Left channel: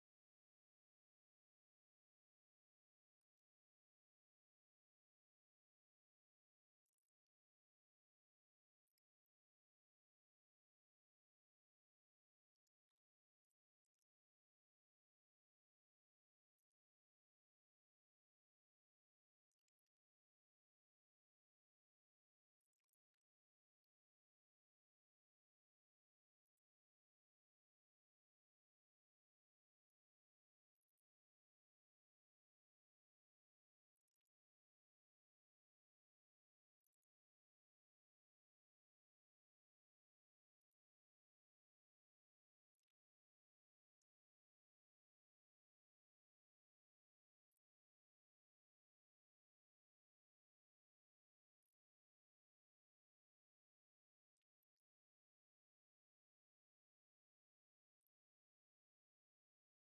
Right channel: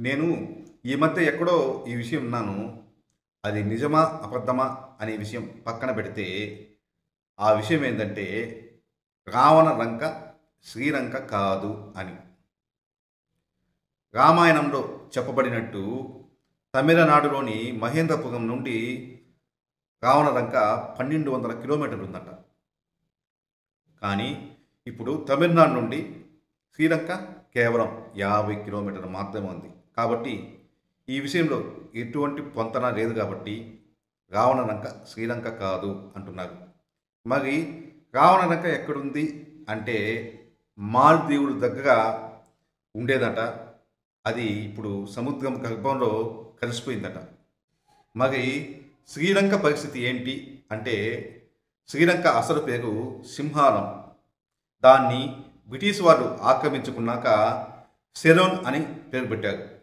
నేను ఈ మధ్య ఎక్కడో ఈ విషయం విన్నాను. అది నిజమా? అబద్ధమా? అనే విషయం పక్కన పెడితే, ఆ విషయం ఏందంటే, రావణ లంక శ్రీలంక కాదు అని. రామాయణంలో చెప్పబడినట్టు తమిళనాడులోని మహేంద్రపురం నుండి రావణ లంక 1200 కిలోమీటర్లు ఉందట. కానీ ఇప్పుడు తమిళనాడు నుండి శ్రీలంక కేవలం 50 కిలోమీటర్లు మాత్రమే ఉంది. కాబట్టి ఈ విషయంలో ఎటువంటి పొంతన లేదు కాబట్టి రావణలంక శ్రీలంక కాదు అంటున్నారు. మరి రావణలంక ఎక్కడుంది అంటే మాల్దీవుల దగ్గర ఉండేదట. అది ఇప్పుడు సముద్రం గర్భంలో కలిసిపోయిందట. మరి శ్రీలంక పరిస్థితి ఏంటి అంటే శ్రీలంక అసలు పేరు సింహాలం. దాన్ని బ్రిటిష్ వారు ఆక్రమించుకున్నాక సెరోన్ అని పేరు పెట్టారు.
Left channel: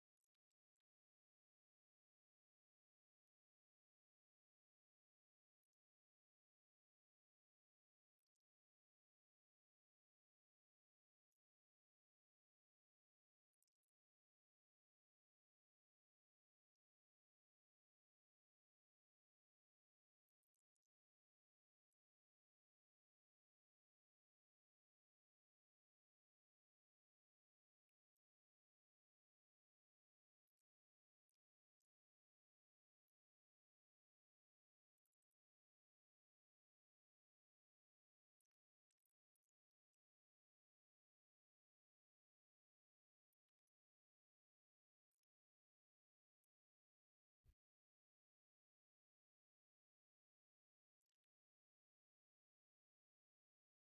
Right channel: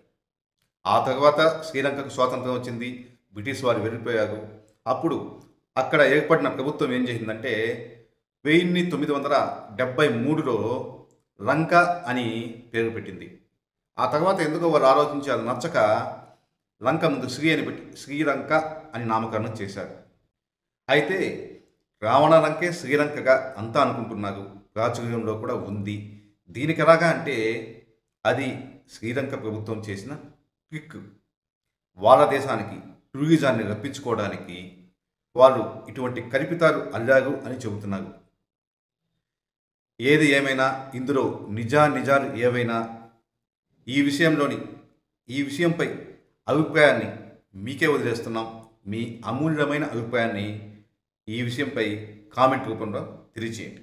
ఆ తర్వాత శ్రీలంకకు స్వాతంత్రం వచ్చింది. బ్రిటిష్ వారు వెళ్ళిపోయారు. అప్పుడు అక్కడ ఏర్పడిన ప్రభుత్వం ఏం చేసిందంటే 1973లో లంక అని పేరు పెట్టింది. ఆ తర్వాత ఎందుకో వారు ఆలోచించి అది నచ్చక లంక ముందు శ్రీ అని పెట్టి శ్రీలంక అని నామకరణం చేశారు. అయితే రావణ లంకే శ్రీలంకగా అంతా అనుకుంటున్నారు. ప్రాచుర్యంలో కూడా ఉంది. దీనికి ఎలాగా అంటే అది శ్రీలంక ప్రభుత్వం చేసిన ట్రిక్. వాళ్ళ దేశానికి టూరిజాన్ని రప్పించుకోవడానికి వాళ్ళు ఇటువంటి కల్పితాలు అల్లారు అని చెబుతున్నారు. ఏది ఏమైనా ఇందులో నిజాలు ఏవైనా ఈ విషయంపై అభిప్రాయాన్ని మీకే వదిలేస్తున్నాం. మీ అమూల్యమైన అభిప్రాయాన్ని ఈ విషయంపై కామెంట్ రూపంలో తెలియజేయండి.